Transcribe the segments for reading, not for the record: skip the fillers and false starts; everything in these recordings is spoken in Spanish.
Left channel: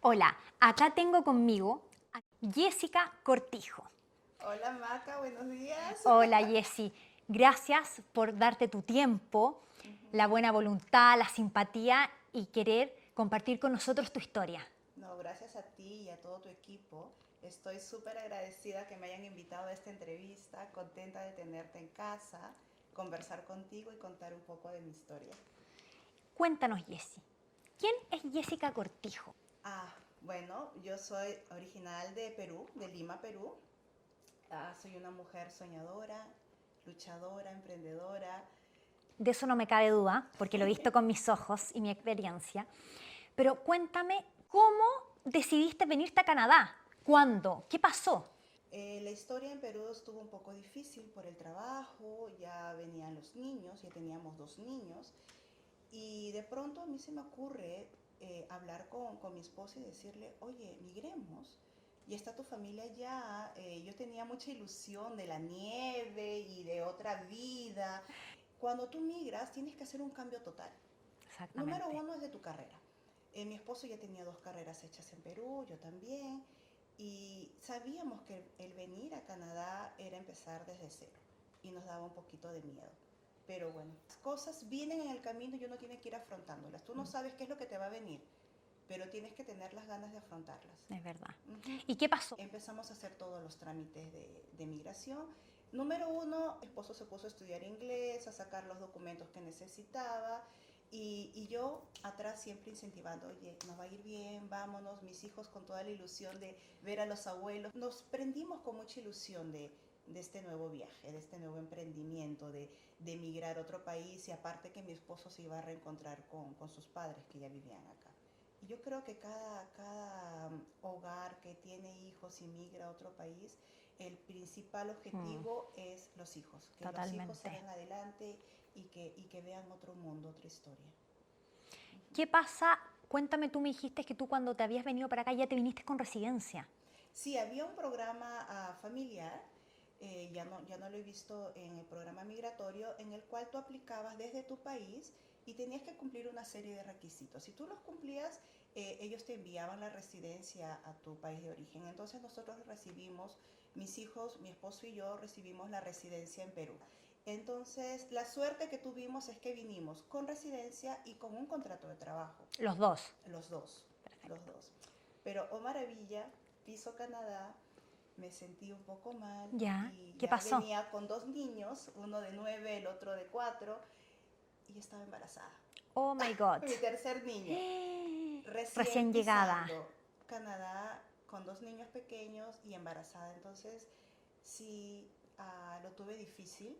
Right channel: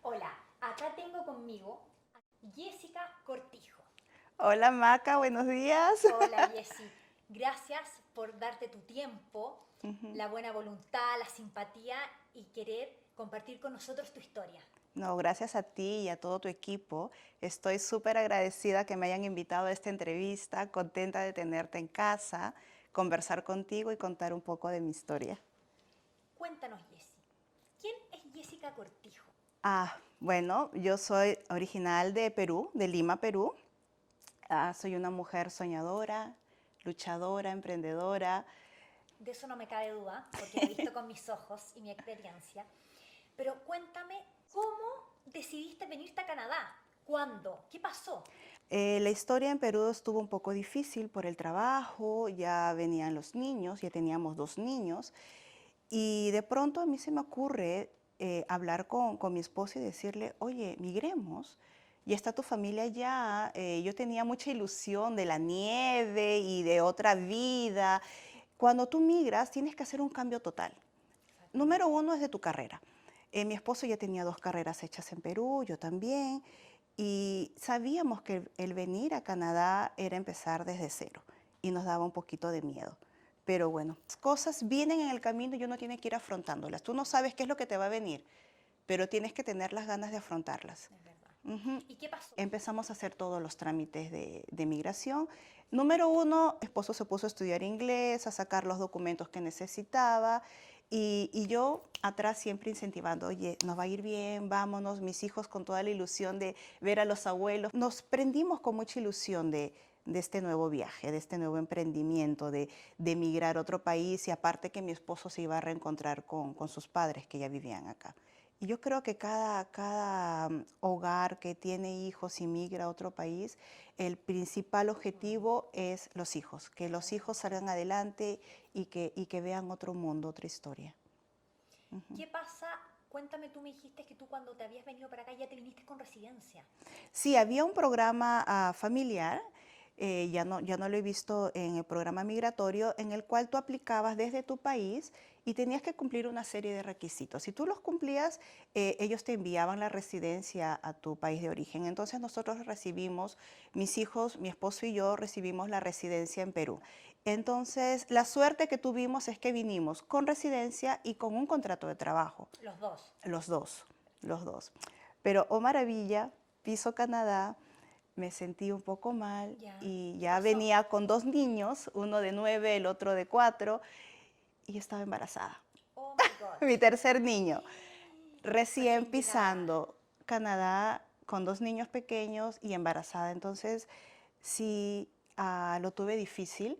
Hola, acá tengo conmigo a Jessica Cortijo. Hola Maca, buenos días. Hola Jessy, gracias por darte tu tiempo, Ujú. la buena voluntad, la simpatía y querer compartir con nosotros tu historia. No, gracias a ti y a todo tu equipo. Estoy súper agradecida que me hayan invitado a esta entrevista, contenta de tenerte en casa, conversar contigo y contar un poco de mi historia. Cuéntanos Jessy, ¿quién es Jessica Cortijo? Bueno, yo soy original de Perú, de Lima, Perú. Soy una mujer soñadora, luchadora, emprendedora. De eso no me cabe duda, porque lo he visto con mis ojos y mi experiencia. Pero cuéntame, ¿cómo decidiste venirte a Canadá? ¿Cuándo? ¿Qué pasó? La historia en Perú estuvo un poco difícil por el trabajo, ya venían los niños, ya teníamos 2 niños. Y de pronto a mí se me ocurre hablar con mi esposo y decirle, oye, migremos, ya está tu familia allá. Yo tenía mucha ilusión de la nieve y de otra vida. Cuando tú migras tienes que hacer un cambio total. Número Exactamente. uno es de tu carrera. Mi esposo ya tenía 2 carreras hechas en Perú, yo también, y sabíamos que el venir a Canadá era empezar desde cero y nos daba un poquito de miedo. Pero bueno, las cosas vienen en el camino y uno tiene que ir afrontándolas. Tú no sabes qué es lo que te va a venir, pero tienes que tener las ganas de afrontarlas. Es verdad. Ujú. ¿Y qué pasó? Empezamos a hacer todos los trámites de migración. Número uno, esposo se puso a estudiar inglés, a sacar los documentos que necesitaba y yo atrás siempre incentivando, oye, nos va a ir bien, vámonos, mis hijos con toda la ilusión de ver a los abuelos. Nos prendimos con mucha ilusión de este nuevo viaje, de este nuevo emprendimiento, de emigrar a otro país y aparte que mi esposo se iba a reencontrar con sus padres que ya vivían acá. Y yo creo que cada hogar que tiene hijos y migra a otro país, el principal Mm, objetivo es los hijos, que los hijos totalmente. salgan adelante y que vean otro mundo, otra historia. Ujú. ¿Qué pasa? Cuéntame, tú me dijiste que tú cuando te habías venido para acá ya te viniste con residencia. Sí, había un programa familiar, ya no lo he visto en el programa migratorio, en el cual tú aplicabas desde tu país y tenías que cumplir una serie de requisitos. Si tú los cumplías, ellos te enviaban la residencia a tu país de origen. Entonces nosotros recibimos, mis hijos, mi esposo y yo recibimos la residencia en Perú. Entonces, la suerte que tuvimos es que vinimos con residencia y con un contrato de trabajo. Los dos. Los dos, los dos. Pero, oh maravilla, piso Canadá, me sentí un poco mal Ya. y ¿Qué ya pasó? venía con 2 niños, uno de 9, el otro de 4, y estaba embarazada. Oh my God. Mi tercer niño, recién Recién llegada. pisando Canadá con 2 niños pequeños y embarazada. Entonces, sí, lo tuve difícil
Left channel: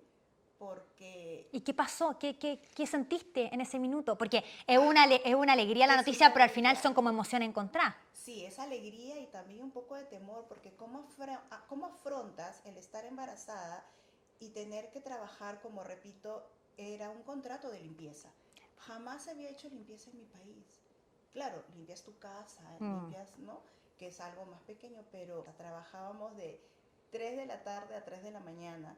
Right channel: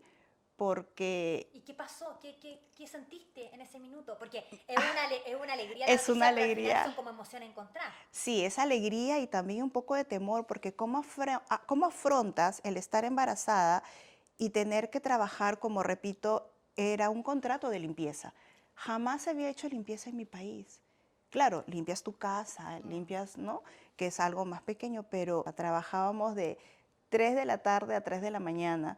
porque ¿Y qué pasó? ¿Qué sentiste en ese minuto? Porque es una alegría la es una noticia, pero al final alegría. son como emociones encontradas. Sí, es alegría y también un poco de temor, porque ¿cómo afrontas el estar embarazada y tener que trabajar, como repito, era un contrato de limpieza? Jamás había hecho limpieza en mi país. Claro, limpias tu casa, Mm. limpias, ¿no? Que es algo más pequeño, pero trabajábamos de 3 de la tarde a 3 de la mañana.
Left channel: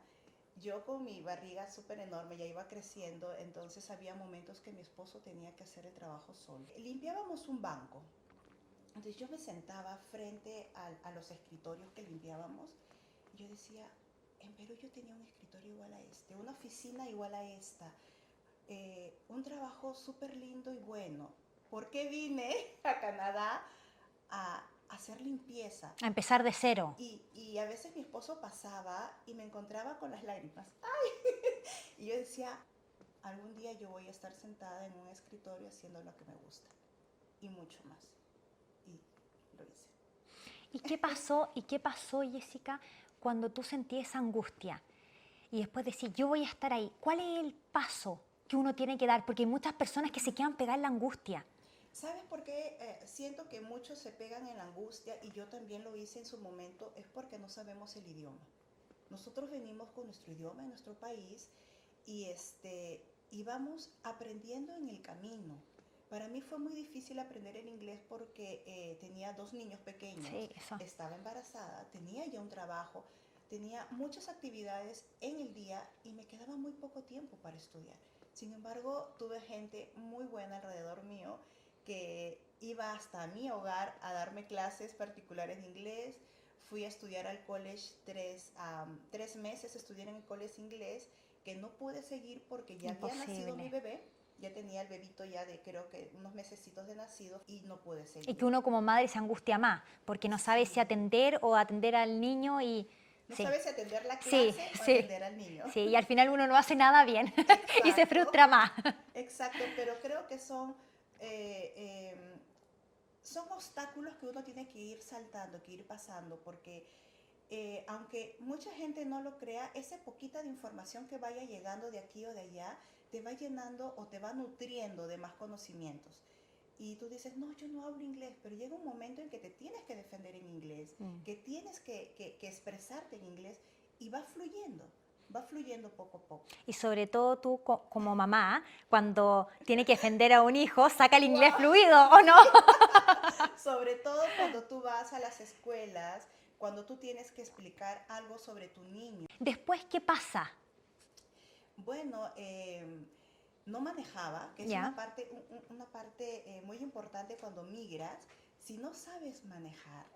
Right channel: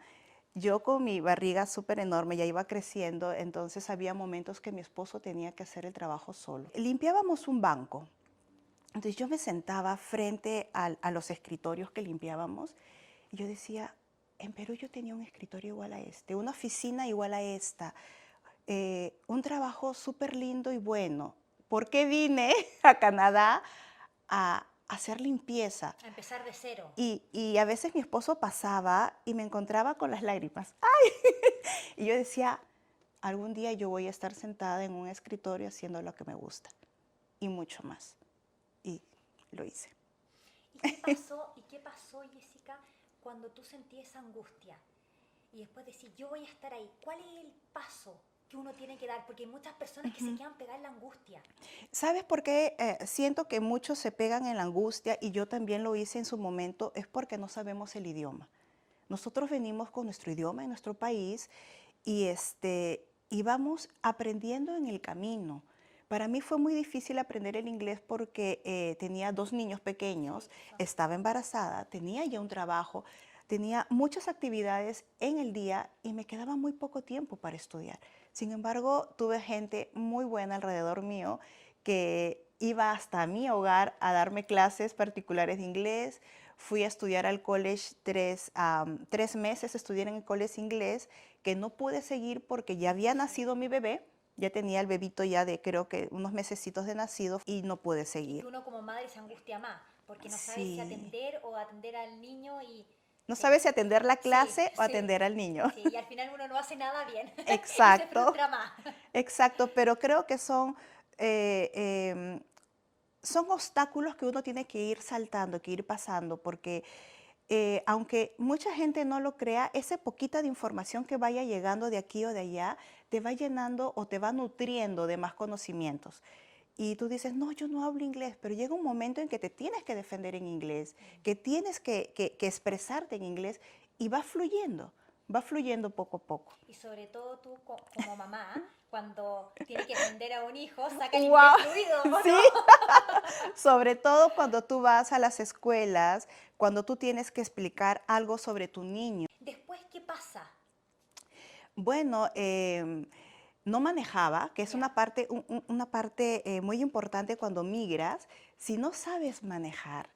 Yo con mi barriga súper enorme, ya iba creciendo, entonces había momentos que mi esposo tenía que hacer el trabajo solo. Limpiábamos un banco. Entonces yo me sentaba frente a los escritorios que limpiábamos y yo decía, en Perú yo tenía un escritorio igual a este, una oficina igual a esta, un trabajo súper lindo y bueno. ¿Por qué vine a Canadá a hacer limpieza? A empezar de cero. Y a veces mi esposo pasaba y me encontraba con las lágrimas. ¡Ay! Y yo decía, algún día yo voy a estar sentada en un escritorio haciendo lo que me gusta y mucho más. Y lo hice. ¿Y qué pasó? ¿Y qué pasó, Jessica, cuando tú sentías esa angustia? Y después decir, yo voy a estar ahí. ¿Cuál es el paso que uno tiene que dar? Porque hay muchas personas que se quedan pegadas en la angustia. ¿Sabes por qué siento que muchos se pegan en la angustia y yo también lo hice en su momento? Es porque no sabemos el idioma. Nosotros venimos con nuestro idioma en nuestro país y vamos aprendiendo en el camino. Para mí fue muy difícil aprender el inglés porque tenía 2 niños pequeños, Sí, eso. estaba embarazada, tenía ya un trabajo, tenía muchas actividades en el día y me quedaba muy poco tiempo para estudiar. Sin embargo, tuve gente muy buena alrededor mío que iba hasta mi hogar a darme clases particulares de inglés. Fui a estudiar al college 3 meses, estudié en el college inglés, que no pude seguir porque ya había nacido mi Imposible. bebé, ya tenía el bebito ya de creo que unos mesecitos de nacido y no pude Y que seguir. uno como madre se angustia más, porque no sabe si Sí, atender o atender al niño y... no Sí, sabes si atender la sí, clase o sí, atender al niño. sí, y al final uno no hace nada bien y se Exacto, frustra más. exacto, pero creo que eh, em, son obstáculos que uno tiene que ir saltando, que ir pasando, porque aunque mucha gente no lo crea, esa poquita de información que vaya llegando de aquí o de allá te va llenando o te va nutriendo de más conocimientos. Y tú dices, no, yo no hablo inglés, pero llega un momento en que te tienes que defender en inglés, que tienes que expresarte en inglés y va fluyendo poco a poco. Y sobre todo tú como mamá, cuando tiene que defender a un hijo, saca el inglés ¡Wow! fluido, ¿o no? Sí, sobre todo cuando tú vas a las escuelas, cuando tú tienes que explicar algo sobre tu niño. Después, ¿qué pasa? Bueno, no manejaba, que es Ya, una parte muy importante cuando migras. Si no sabes manejar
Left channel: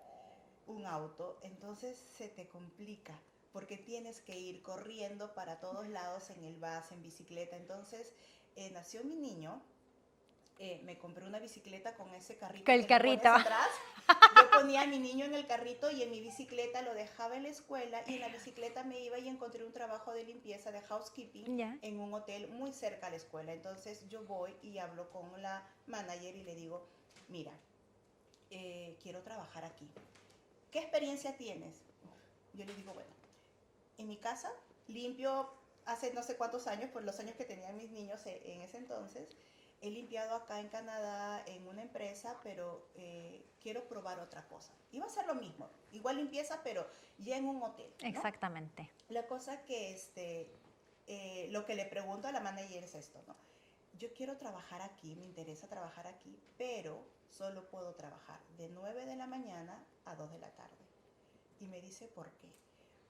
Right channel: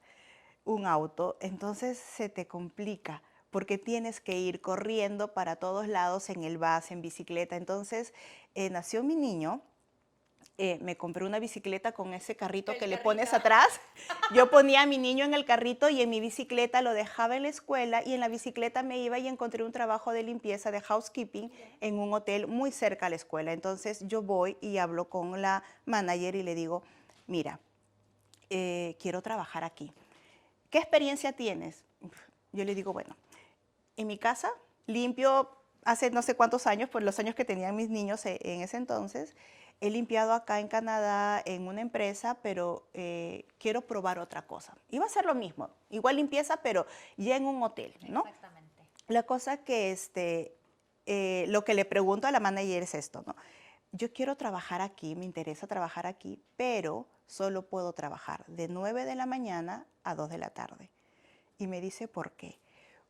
un auto, entonces se te complica porque tienes que ir corriendo para todos lados en el bus, en bicicleta. Entonces nació mi niño. Me compré una bicicleta con ese con carrito el que le carrito. pones atrás. Yo ponía a mi niño en el carrito y en mi bicicleta lo dejaba en la escuela y en la bicicleta me iba y encontré un trabajo de limpieza, de housekeeping, Ya. en un hotel muy cerca a la escuela. Entonces yo voy y hablo con la manager y le digo, mira, quiero trabajar aquí. ¿Qué experiencia tienes? Yo le digo, bueno, en mi casa limpio hace no sé cuántos años, por los años que tenían mis niños en ese entonces. He limpiado acá en Canadá en una empresa, pero quiero probar otra cosa. Iba a ser lo mismo, igual limpieza, pero ya en un hotel, ¿no? Exactamente. La cosa que lo que le pregunto a la manager es esto, ¿no? Yo quiero trabajar aquí, me interesa trabajar aquí, pero solo puedo trabajar de 9 de la mañana a 2 de la tarde. Y me dice, ¿por qué?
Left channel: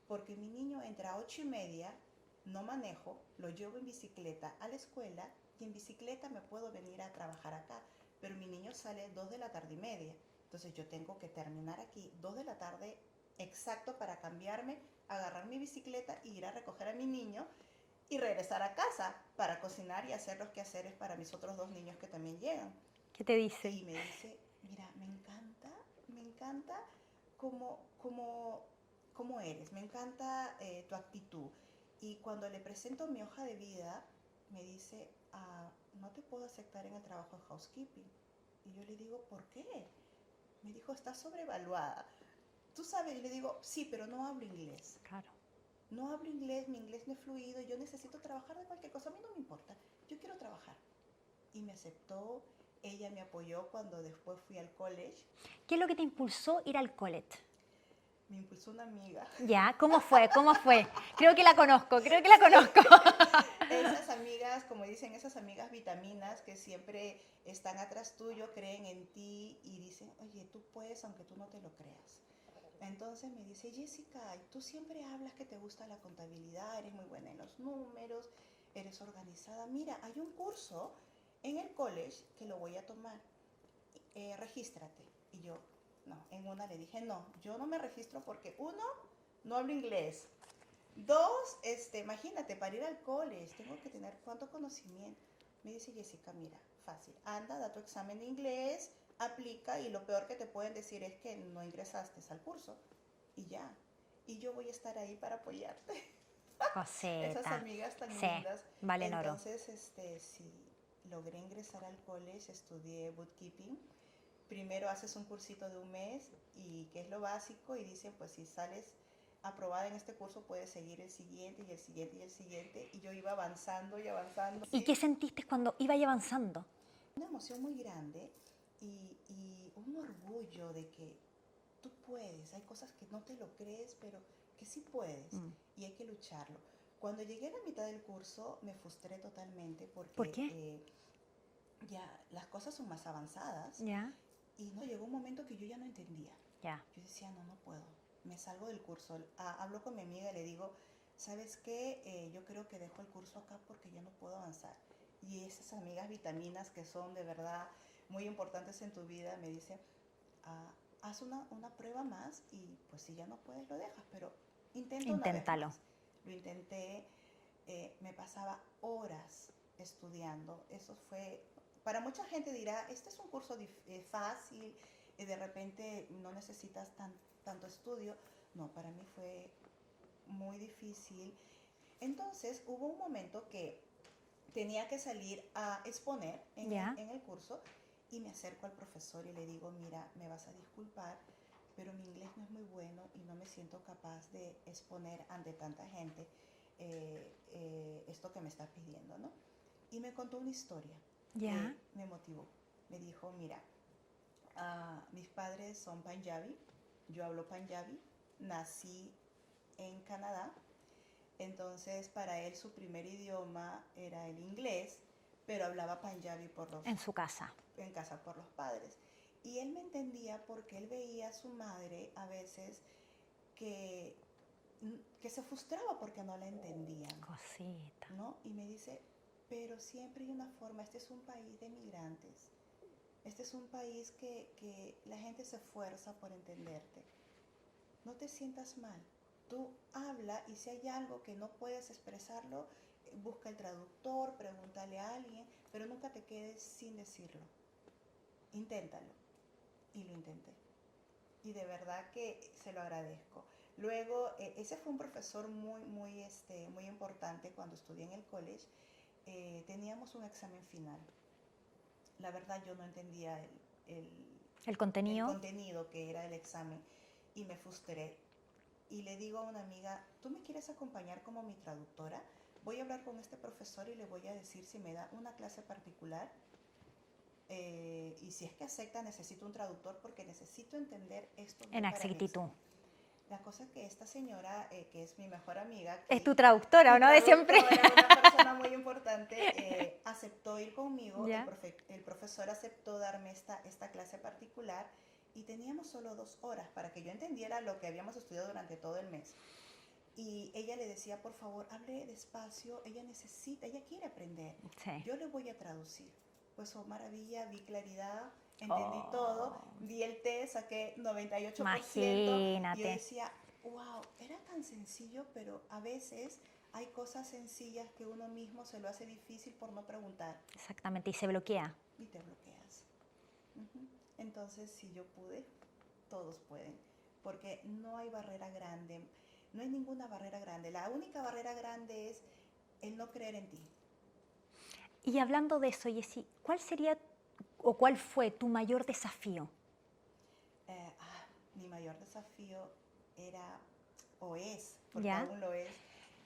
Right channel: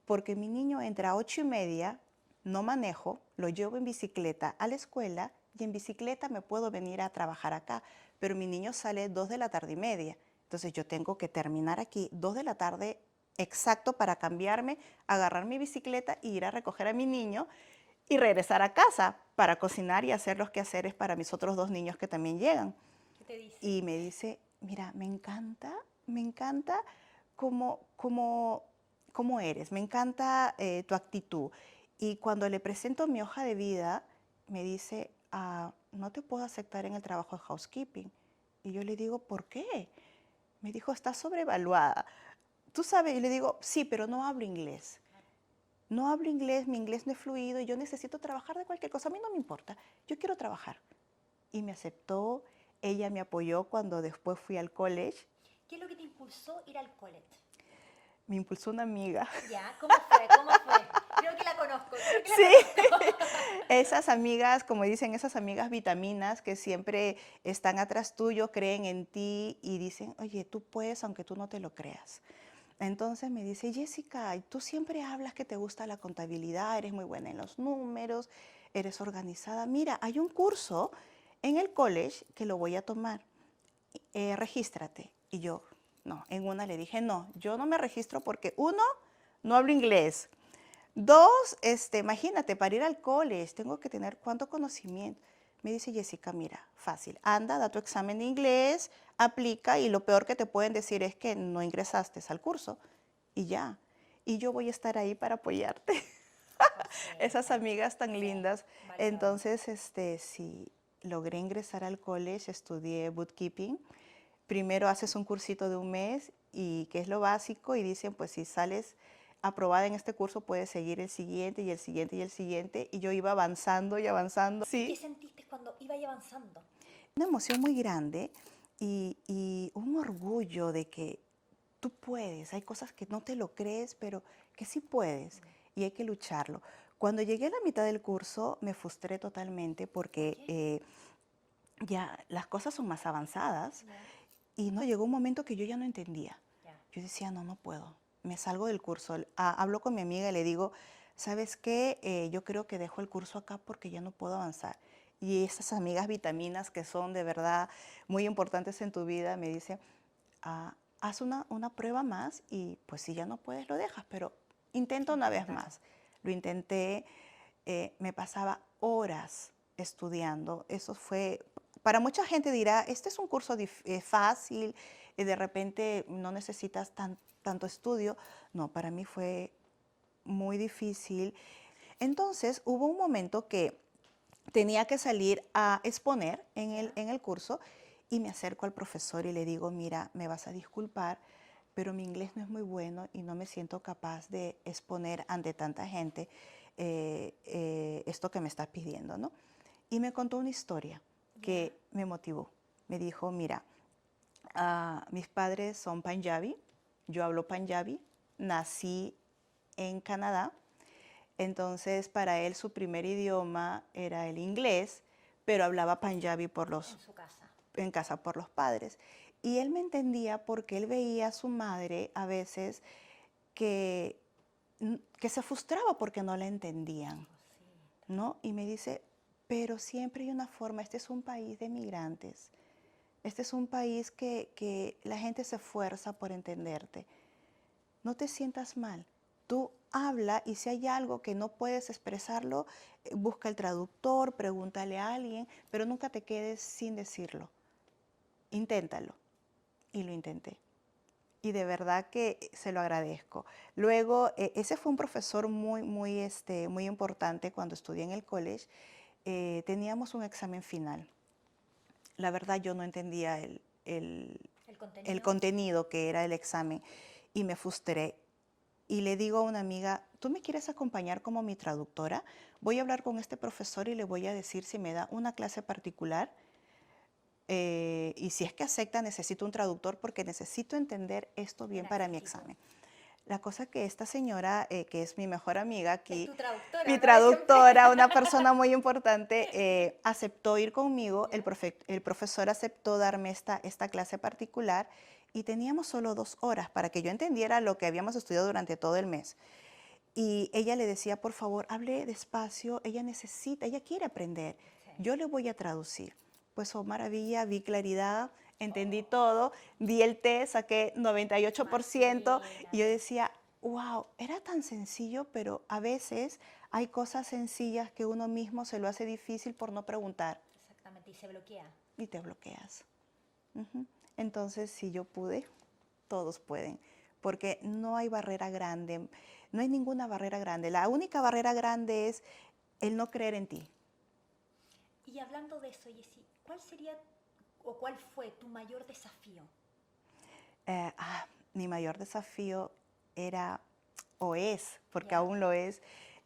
Porque mi niño entra a 8:30, no manejo, lo llevo en bicicleta a la escuela y en bicicleta me puedo venir a trabajar acá, pero mi niño sale 2 de la tarde y media. Entonces yo tengo que terminar aquí 2 de la tarde exacto para cambiarme, agarrar mi bicicleta y ir a recoger a mi niño y regresar a casa para cocinar y hacer los quehaceres para mis otros 2 niños que también llegan. ¿Qué te dice? Y me dice, mira, me encanta cómo eres, me encanta tu actitud. Y cuando le presento mi hoja de vida, me dice, no te puedo aceptar en el trabajo de housekeeping. Y yo le digo, ¿por qué? Me dijo, estás sobrevaluada. Tú sabes, y le digo, sí, pero no hablo inglés. Claro. No hablo inglés, mi inglés no es fluido y yo necesito trabajar de cualquier cosa. A mí no me importa, yo quiero trabajar. Y me aceptó, ella me apoyó cuando después fui al college. ¿Qué es lo que te impulsó ir al college? Me impulsó una amiga. Ya, ¿cómo fue? ¿Cómo fue? Creo que la conozco, creo que la Sí, conozco. esas amigas, como dicen, esas amigas vitaminas que siempre están atrás tuyo, creen en ti y dicen, oye, tú puedes aunque tú no te lo creas. Entonces me dice, Jessica, tú siempre hablas que te gusta la contabilidad, eres muy buena en los números, eres organizada. Mira, hay un curso en el college que lo voy a tomar. Regístrate. Y yo, no, en una le dije, no, yo no me registro porque uno, no hablo inglés. Dos, imagínate, para ir al college tengo que tener cuánto conocimiento. Me dice Jessica, mira, fácil, anda, da tu examen de inglés, aplica y lo peor que te pueden decir es que no ingresaste al curso y ya. Y yo voy a estar ahí para apoyarte. Esas Coseta. amigas tan Sí, lindas. vale el oro. Entonces, sí, logré ingresar al college, estudié bookkeeping. Primero haces un cursito de un mes y que es lo básico y dicen, pues si sales aprobada en este curso puedes seguir el siguiente y el siguiente y el siguiente. Y yo iba avanzando y avanzando. ¿Y qué Sí, sentiste cuando iba avanzando? una emoción muy grande y un orgullo de que tú puedes. Hay cosas que no te lo crees, pero que sí puedes y hay que lucharlo. Cuando llegué a la mitad del curso me frustré totalmente ¿Por porque qué? ya las cosas son más avanzadas Ya, y no llegó un momento que yo ya no entendía. ya. Yo decía, no, no puedo. Me salgo del curso. Hablo con mi amiga y le digo, ¿sabes qué? Yo creo que dejo el curso acá porque ya no puedo avanzar. y esas amigas vitaminas que son de verdad muy importantes en tu vida, me dicen, haz una prueba más y pues si ya no puedes lo dejas, pero intenta una vez Inténtalo. más. Lo intenté, me pasaba horas estudiando. Eso fue, para mucha gente dirá, este es un curso fácil, y de repente no necesitas tanto estudio. No, para mí fue muy difícil. Entonces hubo un momento que tenía que salir a exponer ¿Ya? en el curso y me acerco al profesor y le digo, mira, me vas a disculpar, pero mi inglés no es muy bueno y no me siento capaz de exponer ante tanta gente esto que me estás pidiendo, ¿no? Y me contó una historia ¿Ya? que me motivó. Me dijo, mira, mis padres son panjabi, yo hablo panjabi, nací en Canadá, entonces para él su primer idioma era el inglés, pero hablaba panjabi En su casa. en casa por los padres. Y él me entendía porque él veía a su madre a veces que, que se frustraba porque no la entendían, Cosita. ¿no? Y me dice, pero siempre hay una forma, este es un país de migrantes, este es un país que la gente se esfuerza por entenderte. No te sientas mal. Tú habla y si hay algo que no puedes expresarlo, busca el traductor, pregúntale a alguien, pero nunca te quedes sin decirlo. Inténtalo. Y lo intenté. Y de verdad que se lo agradezco. Luego, ese fue un profesor muy importante cuando estudié en el college. Teníamos un examen final. La verdad yo no entendía El el contenido. contenido que era el examen y me frustré. Y le digo a una amiga, ¿tú me quieres acompañar como mi traductora? Voy a hablar con este profesor y le voy a decir si me da una clase particular y si es que acepta, necesito un traductor porque necesito entender esto En bien para mi exactitud. examen. La cosa que esta señora, que es mi mejor amiga Es aquí, tu traductora, mi ¿o no? De siempre. traductora, una persona muy importante, aceptó ir conmigo, ¿Ya? el profesor aceptó darme esta clase particular y teníamos solo 2 horas para que yo entendiera lo que habíamos estudiado durante todo el mes. Y ella le decía, por favor, hable despacio, ella necesita, ella quiere aprender, Sí. yo le voy a traducir. Pues, oh maravilla, vi claridad, entendí todo, Oh, di el test, saqué 98% y yo imagínate. decía, wow, era tan sencillo, pero a veces hay cosas sencillas que uno mismo se lo hace difícil por no preguntar Exactamente, y se bloquea. y te bloqueas. Ujú. Entonces, si yo pude, todos pueden, porque no hay barrera grande, no hay ninguna barrera grande. La única barrera grande es el no creer en ti. Y hablando de eso, Jessy, ¿cuál sería o cuál fue tu mayor desafío? Eh, ah, Mi mayor desafío era, o es, porque ¿Ya? aún lo es,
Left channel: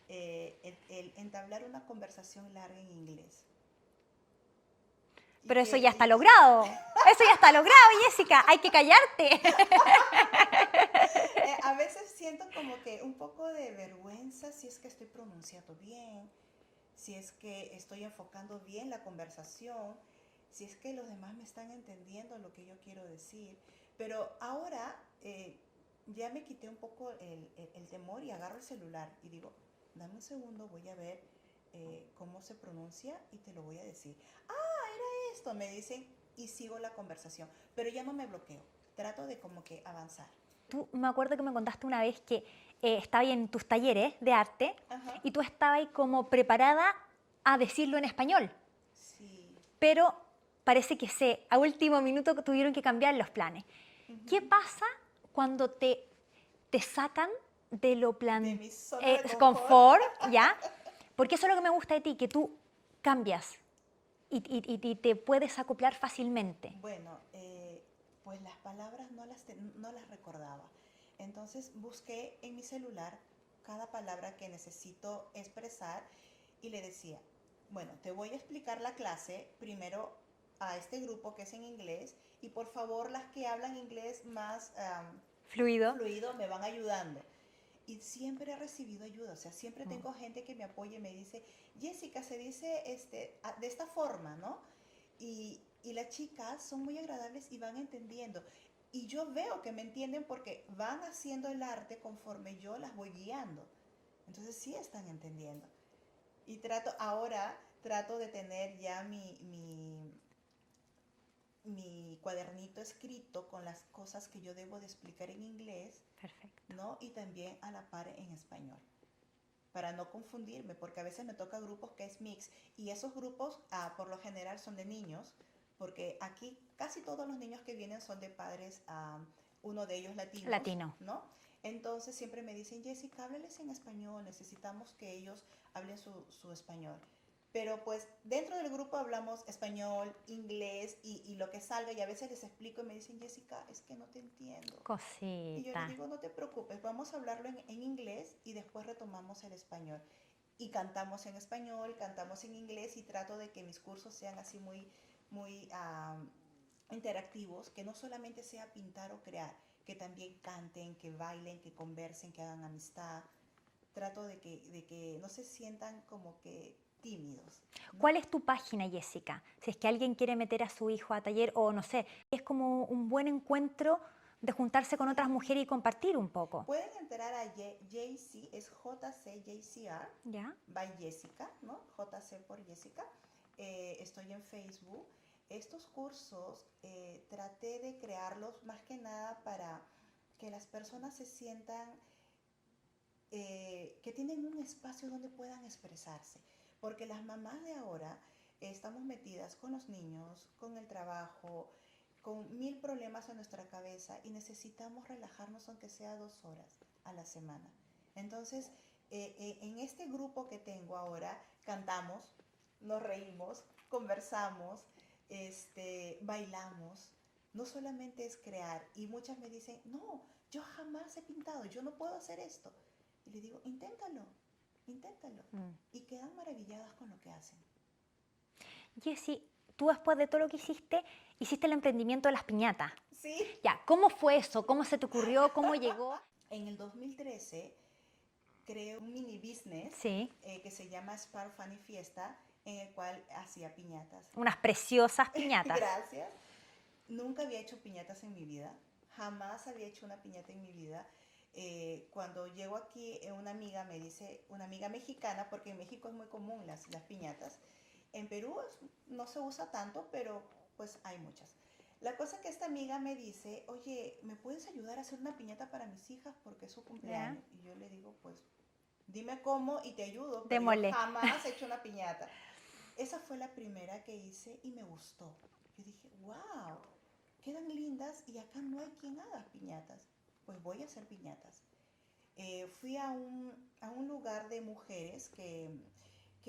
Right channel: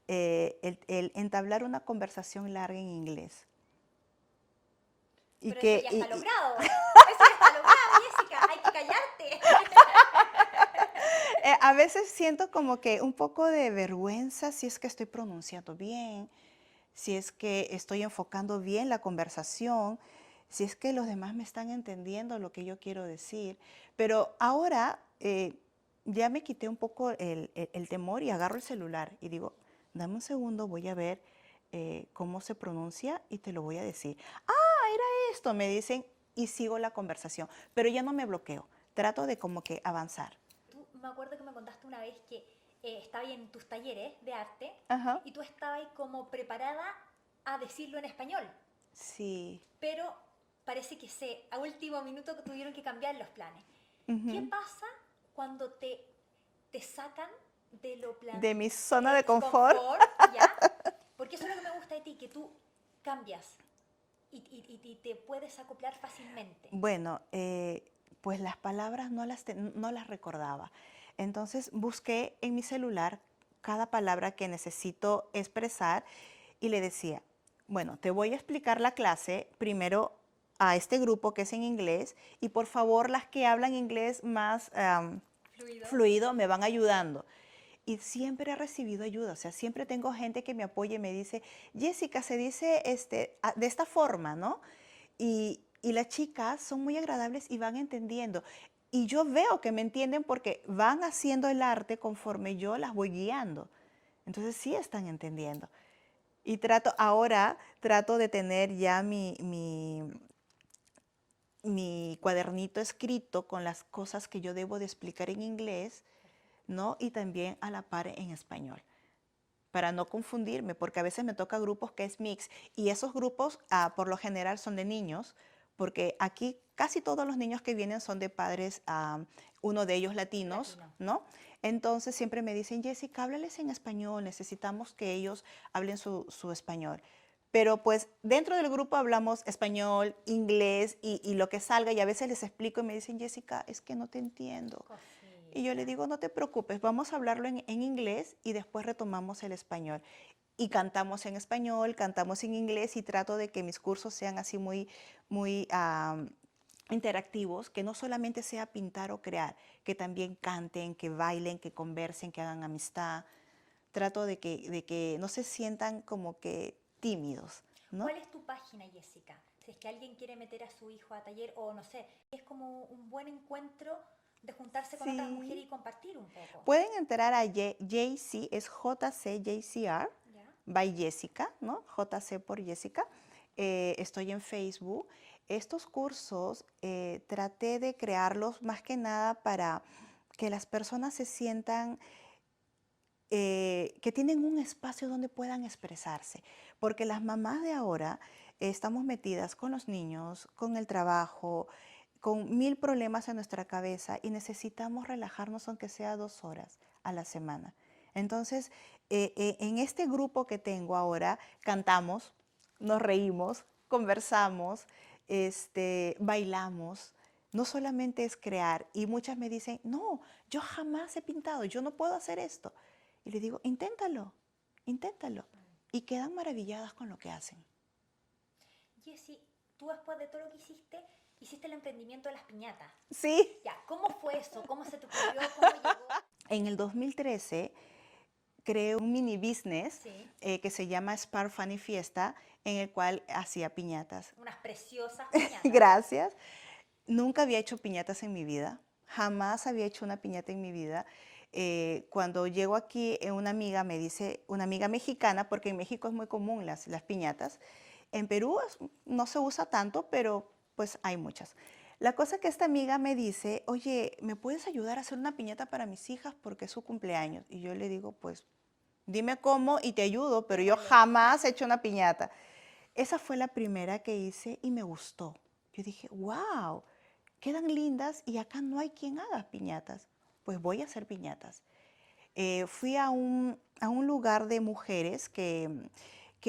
el entablar una conversación larga en inglés. Y Pero eso ya está que, logrado. Eso ya está logrado, Jessica. Hay que callarte. a veces siento como que un poco de vergüenza si es que estoy pronunciando bien, si es que estoy enfocando bien la conversación, si es que los demás me están entendiendo lo que yo quiero decir. Pero ahora ya me quité un poco el temor y agarro el celular y digo, dame un segundo, voy a ver cómo se pronuncia y te lo voy a decir. Ah, era esto, me dicen y sigo la conversación, pero ya no me bloqueo, trato de como que avanzar. Tú me acuerdo que me contaste una vez que estabas en tus talleres de arte Ajá. y tú estabas ahí como preparada a decirlo en español, Sí. pero parece que a último minuto tuvieron que cambiar los planes. ¿Qué Ujú. pasa cuando te sacan de lo De mi zona de confort. confort, ¿ya? Porque eso es lo que me gusta de ti, que tú cambias y te puedes acoplar fácilmente. Bueno, pues las palabras no las recordaba. Entonces busqué en mi celular cada palabra que necesito expresar y le decía, bueno, te voy a explicar la clase primero a este grupo que es en inglés y por favor las que hablan inglés más Fluido. fluido me van ayudando. Y siempre he recibido ayuda, o sea, siempre tengo gente que me apoya y me dice, Jessica, se dice de esta forma, ¿no? Y las chicas son muy agradables y van entendiendo. Y yo veo que me entienden porque van haciendo el arte conforme yo las voy guiando. Entonces sí están entendiendo. Y ahora trato de tener ya mi cuadernito escrito con las cosas que yo debo de explicar en inglés, Perfecto. ¿no? Y también a la par en español, para no confundirme, porque a veces me toca grupos que es mix, y esos grupos por lo general son de niños, porque aquí casi todos los niños que vienen son de padres, uno de ellos latinos, Latino. ¿no? Entonces siempre me dicen, Jessica, háblales en español, necesitamos que ellos hablen su español. Pero pues dentro del grupo hablamos español, inglés y lo que salga, y a veces les explico y me dicen, Jessica, es que no te entiendo. Y yo le Cosita. digo, no te preocupes, vamos a hablarlo en inglés y después retomamos el español. Y cantamos en español, cantamos en inglés y trato de que mis cursos sean así muy interactivos, que no solamente sea pintar o crear, que también canten, que bailen, que conversen, que hagan amistad. Trato de que no se sientan como que tímidos, ¿no? ¿Cuál es tu página, Jessica? Si es que alguien quiere meter a su hijo a taller o no sé, es como un buen encuentro de juntarse con otras mujeres y Sí. compartir un poco. Pueden entrar a JC, es JCJCR, ¿Ya? by Jessica, ¿no? JC por Jessica. Estoy en Facebook. Estos cursos traté de crearlos más que nada para que las personas se sientan que tienen un espacio donde puedan expresarse, porque las mamás de ahora estamos metidas con los niños, con el trabajo, con mil problemas en nuestra cabeza y necesitamos relajarnos aunque sea 2 horas a la semana. Entonces, en este grupo que tengo ahora, cantamos, nos reímos, conversamos, bailamos. No solamente es crear, y muchas me dicen, no, yo jamás he pintado, yo no puedo hacer esto. Y le digo, inténtalo, inténtalo. Mm. Y quedan maravilladas con lo que hacen. Jessy, tú después de todo lo que hiciste, hiciste el emprendimiento de las piñatas. Sí. Ya, ¿cómo fue eso? ¿Cómo se te ocurrió? ¿Cómo llegó? En el 2013 creé un mini business Sí, que se llama Spark Funny Fiesta, en el cual hacía piñatas. unas preciosas piñatas. Gracias. Nunca había hecho piñatas en mi vida, jamás había hecho una piñata en mi vida. Cuando llego aquí, una amiga me dice, una amiga mexicana, porque en México es muy común las piñatas. En Perú no se usa tanto, pero pues hay muchas. La cosa que esta amiga me dice, oye, ¿me puedes ayudar a hacer una piñata para mis hijas porque es su ¿Ya? cumpleaños? Y yo le digo, pues dime cómo y te ayudo, pero yo Démosle. jamás he hecho una piñata. Esa fue la primera que hice y me gustó. Yo dije, wow, quedan lindas y acá no hay quien haga piñatas. Pues voy a hacer piñatas. Fui a un lugar de mujeres que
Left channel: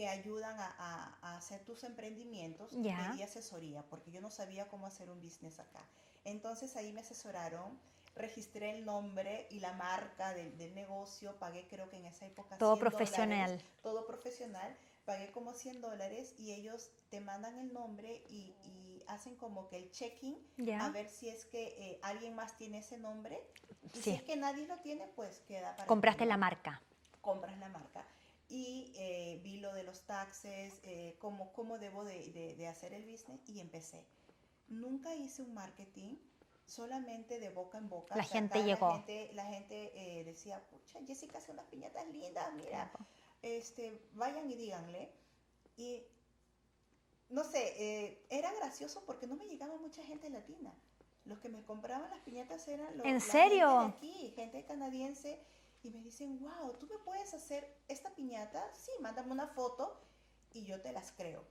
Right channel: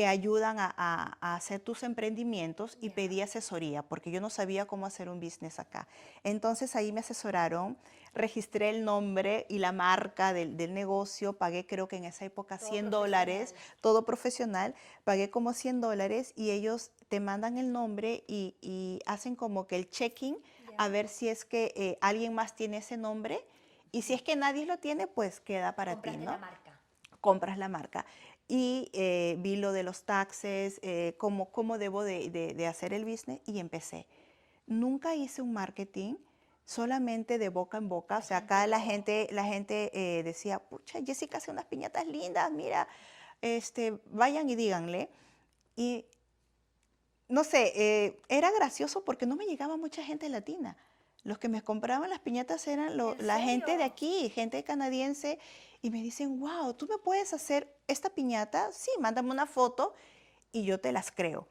ayudan a hacer tus emprendimientos y Ya. pedí asesoría porque yo no sabía cómo hacer un business acá. Entonces ahí me asesoraron, registré el nombre y la marca del negocio, pagué creo que en esa época Todo $100, profesional. todo profesional, pagué como $100 y ellos te mandan el nombre y hacen como que el check-in a Ya. ver si es que alguien más tiene ese nombre y si Sí. es que nadie lo tiene, pues queda para ti, Compraste la ¿no? marca. Compras la marca. Y vi lo de los taxes, cómo debo de hacer el business y empecé. Nunca hice un marketing, solamente de boca en boca. La O sea, gente acá llegó. la gente decía, pucha, Jessica hace unas piñatas lindas, mira, vayan y díganle. Y no sé, era gracioso porque no me llegaba mucha gente latina. Los que me compraban las piñatas eran ¿En la gente de serio? aquí, gente canadiense, y me dicen, wow, ¿tú me puedes hacer esta piñata? Sí, mándame una foto y yo te las creo.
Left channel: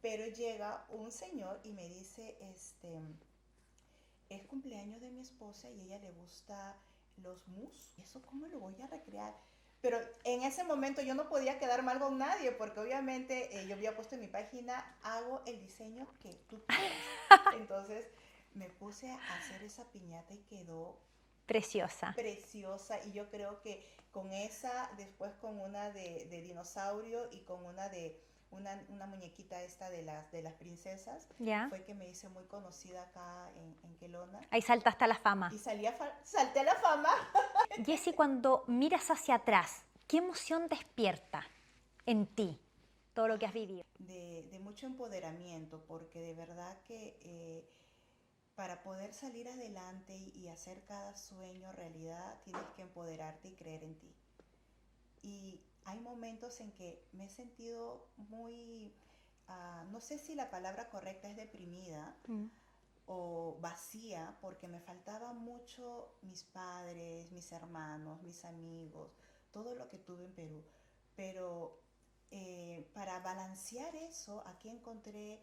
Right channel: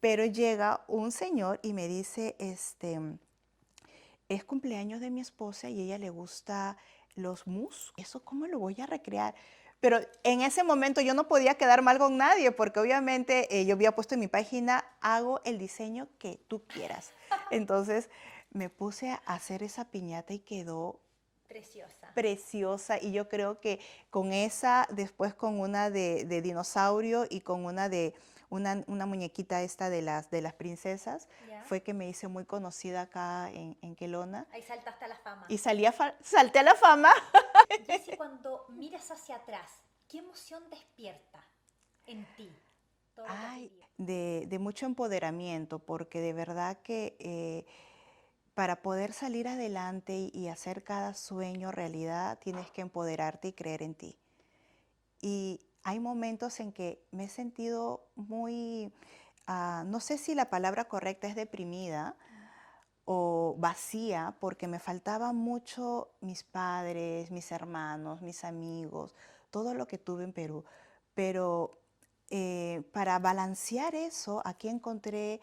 Pero llega un señor y me dice, es cumpleaños de mi esposa y a ella le gusta los mousse. ¿Eso cómo lo voy a recrear? Pero en ese momento yo no podía quedar mal con nadie porque obviamente yo había puesto en mi página, hago el diseño que tú quieras. Entonces me puse a hacer esa piñata y quedó Preciosa. preciosa y yo creo que con esa, después con una de dinosaurio y con una de una muñequita esta de las princesas, ¿Ya? fue que me hice muy conocida acá en Kelowna Ahí saltaste a la fama. y salté a la fama. Jessy, cuando miras hacia atrás, ¿qué emoción despierta en ti todo lo que has Ay, vivido? de mucho empoderamiento, porque de verdad que para poder salir adelante y hacer cada sueño realidad, tienes que empoderarte y creer en ti. Y hay momentos en que me he sentido muy, no sé si la palabra correcta es deprimida o vacía, porque me faltaba mucho mis padres, mis hermanos, mis amigos, todo lo que tuve en Perú. Pero para balancear eso, aquí encontré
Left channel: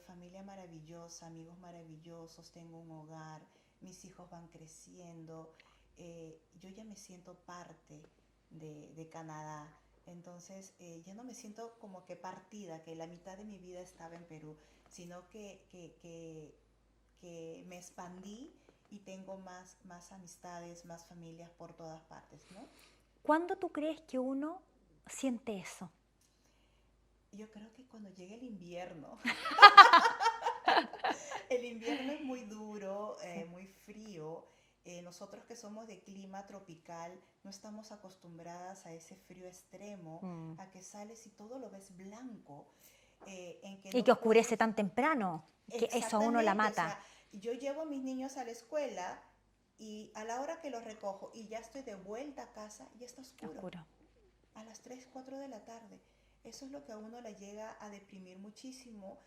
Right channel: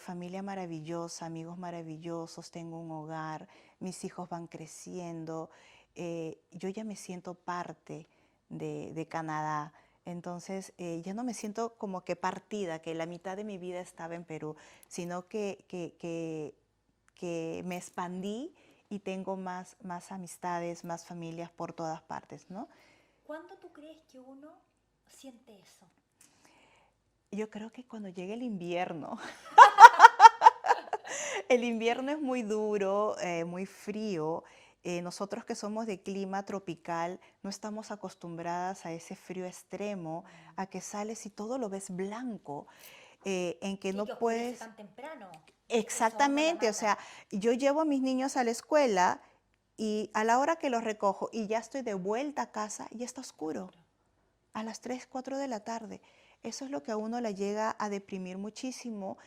familia maravillosa, amigos maravillosos, tengo un hogar, mis hijos van creciendo, yo ya me siento parte de Canadá. Entonces ya no me siento como que partida, que la mitad de mi vida estaba en Perú, sino que me expandí y tengo más amistades, más familias por todas partes, ¿no? ¿Cuándo tú crees que uno siente eso? Yo creo que cuando llegue el invierno, el invierno es muy duro, muy frío. Nosotros que somos de clima tropical no estamos acostumbradas a ese frío extremo, a que sales y todo lo ves blanco, en que Y no que oscurece puedes. tan temprano, que eso a uno la Exactamente, o mata. sea, yo llevo a mis niños a la escuela y a la hora que los recojo y ya estoy de vuelta a casa, ya está oscuro, Oscuro. a las 3, 4 de la tarde. Eso es lo que a uno le llega a deprimir muchísimo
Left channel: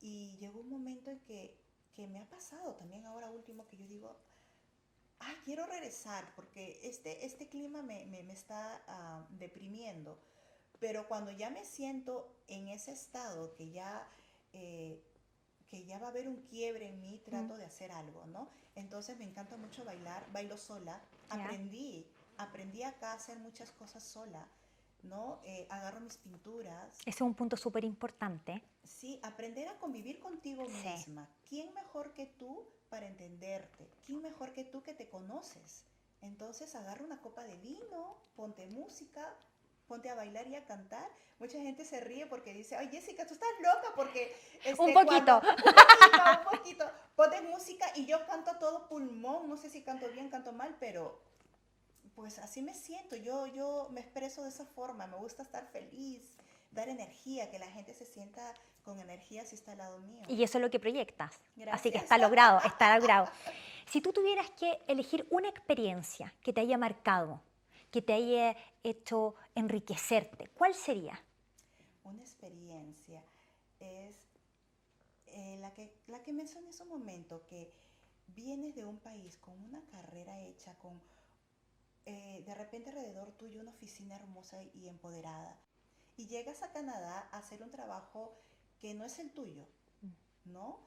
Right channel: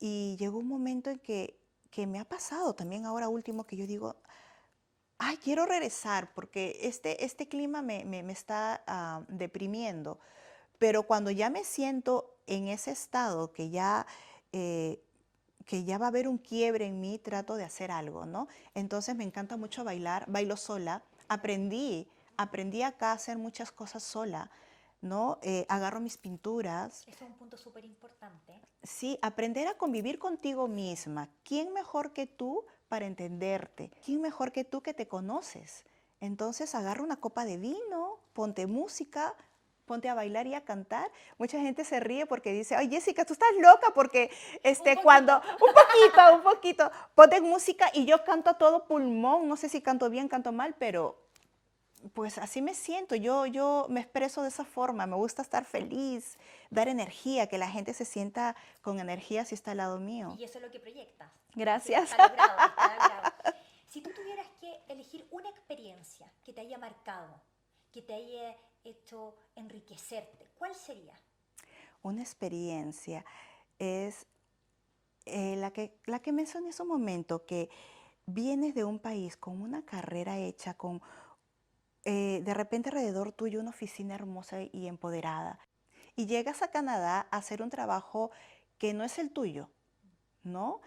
y llegó un momento en que me ha pasado también ahora último que yo digo, ay, quiero regresar porque este clima me está deprimiendo. Pero cuando ya me siento en ese estado eh, que ya va a haber un quiebre en mí, trato de hacer algo, ¿no? Entonces me encanta mucho bailar, bailo sola. ¿Ya? Aprendí acá a hacer muchas cosas sola, ¿no? Agarro mis pinturas. Ese es un punto súper importante. Sí, aprender a convivir contigo Sí. misma. ¿Quién mejor que tú para entenderte? ¿Quién mejor que tú que te conoces? Entonces agarra una copa de vino, ponte música, ponte a bailar y a cantar. Mucha gente se ríe porque dice, ay Jessica, tú estás loca porque Un cuando, poquito. un poquito, ponte música y yo canto a todo pulmón. No sé si canto bien, canto mal, pero pues así me siento, yo me expreso de esa forma, me gusta estar feliz, dar energía, que la gente se sienta con energía si está al lado mío. Y eso es lo que proyectas. Así que Gracias. está logrado, está logrado. Si tú tuvieras que elegir una experiencia que te haya marcado, que te haya hecho enriquecerte, ¿cuál sería? Una experiencia es la que mencioné hace un momento, que vienes de un país con una carrera hecha, con de repente alrededor tuyo una oficina hermosa y empoderada, y llegas a Canadá a hacer un trabajo que no es el tuyo, ¿no?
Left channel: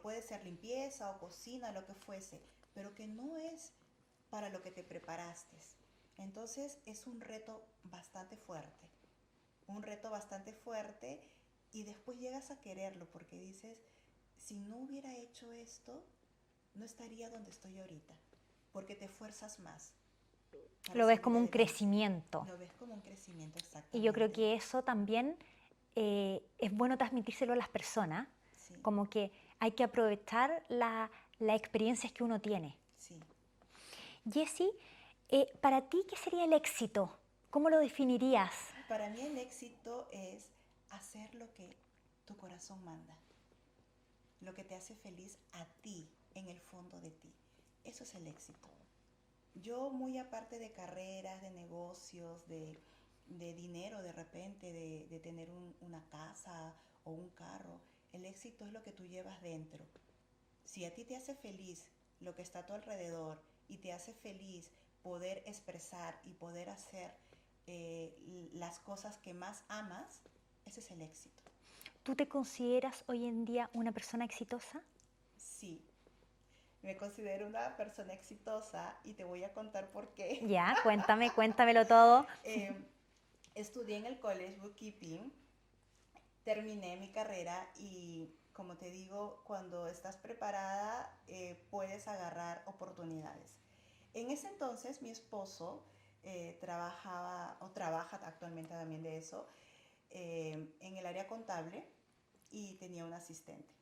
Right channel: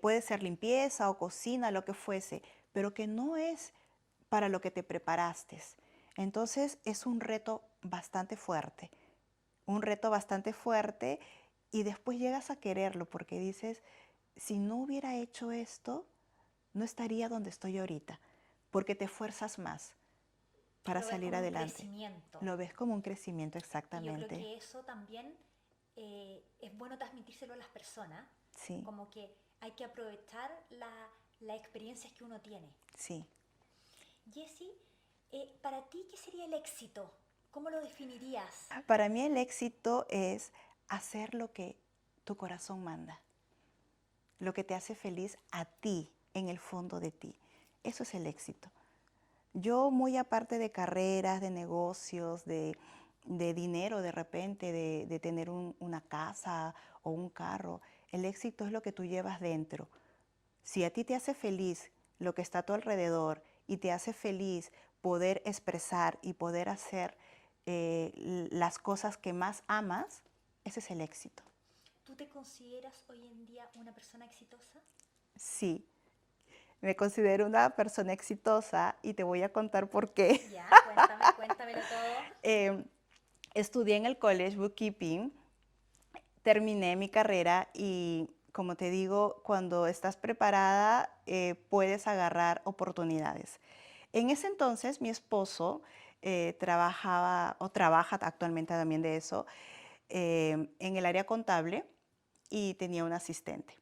Puede ser limpieza o cocina, lo que fuese, pero que no es para lo que te preparaste. Entonces es un reto bastante fuerte y después llegas a quererlo porque dices, si no hubiera hecho esto, no estaría donde estoy ahorita, porque te esfuerzas más para Lo ves salir como un adelante. crecimiento. Lo ves como un crecimiento Y yo creo exactamente. que eso también es bueno transmitírselo a las personas, Sí, como que hay que aprovechar las experiencias que uno tiene. sí. Jessie, para ti, ¿qué sería el éxito? ¿Cómo lo definirías? Para mí el éxito es hacer lo que tu corazón manda, lo que te hace feliz a ti, en el fondo de ti. Eso es el éxito. Yo, muy aparte de carreras, de negocios, de dinero de repente, de tener una casa o un carro, el éxito es lo que tú llevas dentro. Si a ti te hace feliz lo que está a tu alrededor y te hace feliz poder expresar y poder hacer las cosas que más amas, ese es el éxito. ¿Tú te consideras hoy en día una persona exitosa? Sí, me considero una persona exitosa y te voy a contar por qué. Ya, cuéntame, cuéntamelo todo. Eh, Estudié en el college bookkeeping, terminé mi carrera y, como te digo, cuando estás preparada puedes agarrar oportunidades. En ese entonces mi esposo trabajaba o trabaja actualmente también de eso en el área contable y tenía un asistente.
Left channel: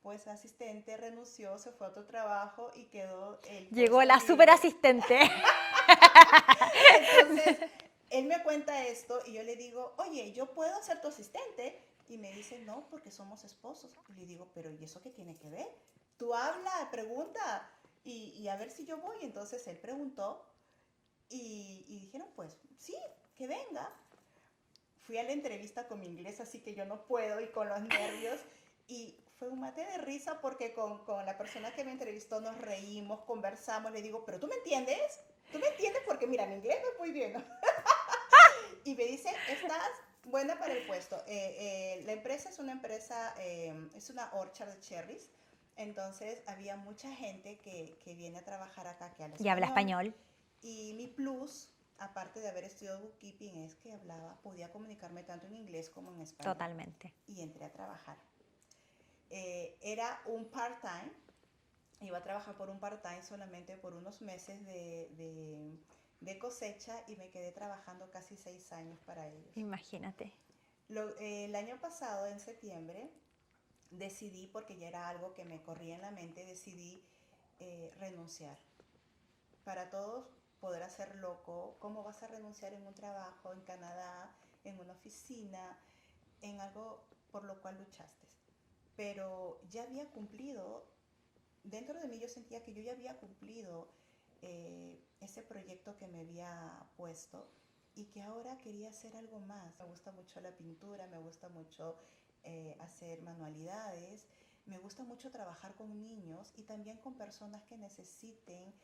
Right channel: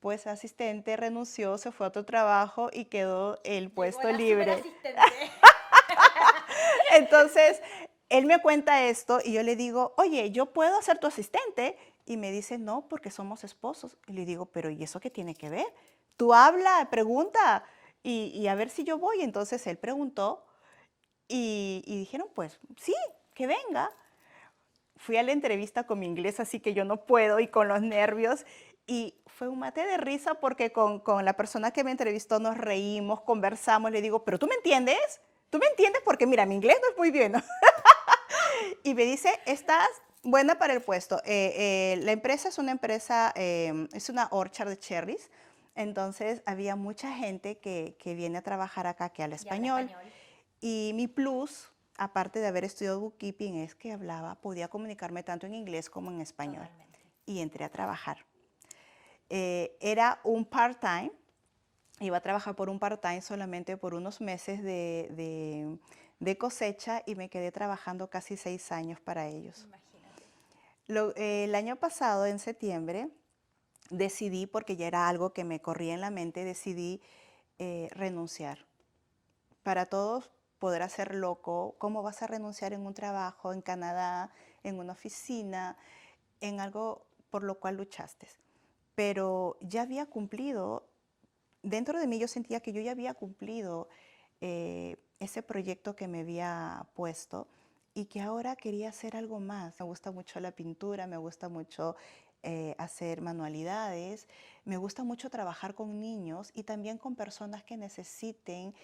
Pues el asistente renunció, se fue a otro trabajo y quedó el Llegó puesto la super libre. asistente. Entonces, él me cuenta esto y yo le digo, oye, ¿yo puedo ser tu asistente? Y me dice, no, porque somos esposos. Y le digo, pero ¿y eso qué tiene que ver? Tú habla, pregunta y a ver si yo voy. Entonces él preguntó y dijeron, pues sí, que venga. fui a la entrevista con mi inglés, así que yo no puedo, y con los nervios, y fue un mate de risa porque con la persona que me entrevistó nos reímos, conversamos, le digo, pero ¿tú me entiendes? ¿Tú me entiendes? Porque mira, mi inglés no es muy bien, ¿no? Y me dice, estás buena para el puesto. La empresa es una empresa, es una orchard de cherries. Entonces había mucha gente que viene a trabajar acá que habla Y habla español. español. Y mi plus, aparte de haber estudiado bookkeeping, es que podía comunicarme tanto en inglés como en español. Totalmente. Y entré a trabajar. Era un part-time. Iba a trabajar por un part-time solamente por unos meses de cosecha y me quedé trabajando casi 6 años para ellos. Imagínate. El año pasado, en septiembre, decidí, porque ya era algo que me corría en la mente, decidí renunciar. Para todos podrá ser loco, ¿cómo vas a renunciar en un trabajo en Canadá, en una oficina, en algo por lo cual luchaste? Pero ya había cumplido. Dentro de mí yo sentía que yo ya había cumplido ese proyecto que me había puesto y que ahora quería hacer algo más. Me gusta mucho la pintura, me gusta mucho hacer manualidades, me gusta mucho trabajar con niños y también con personas que necesiten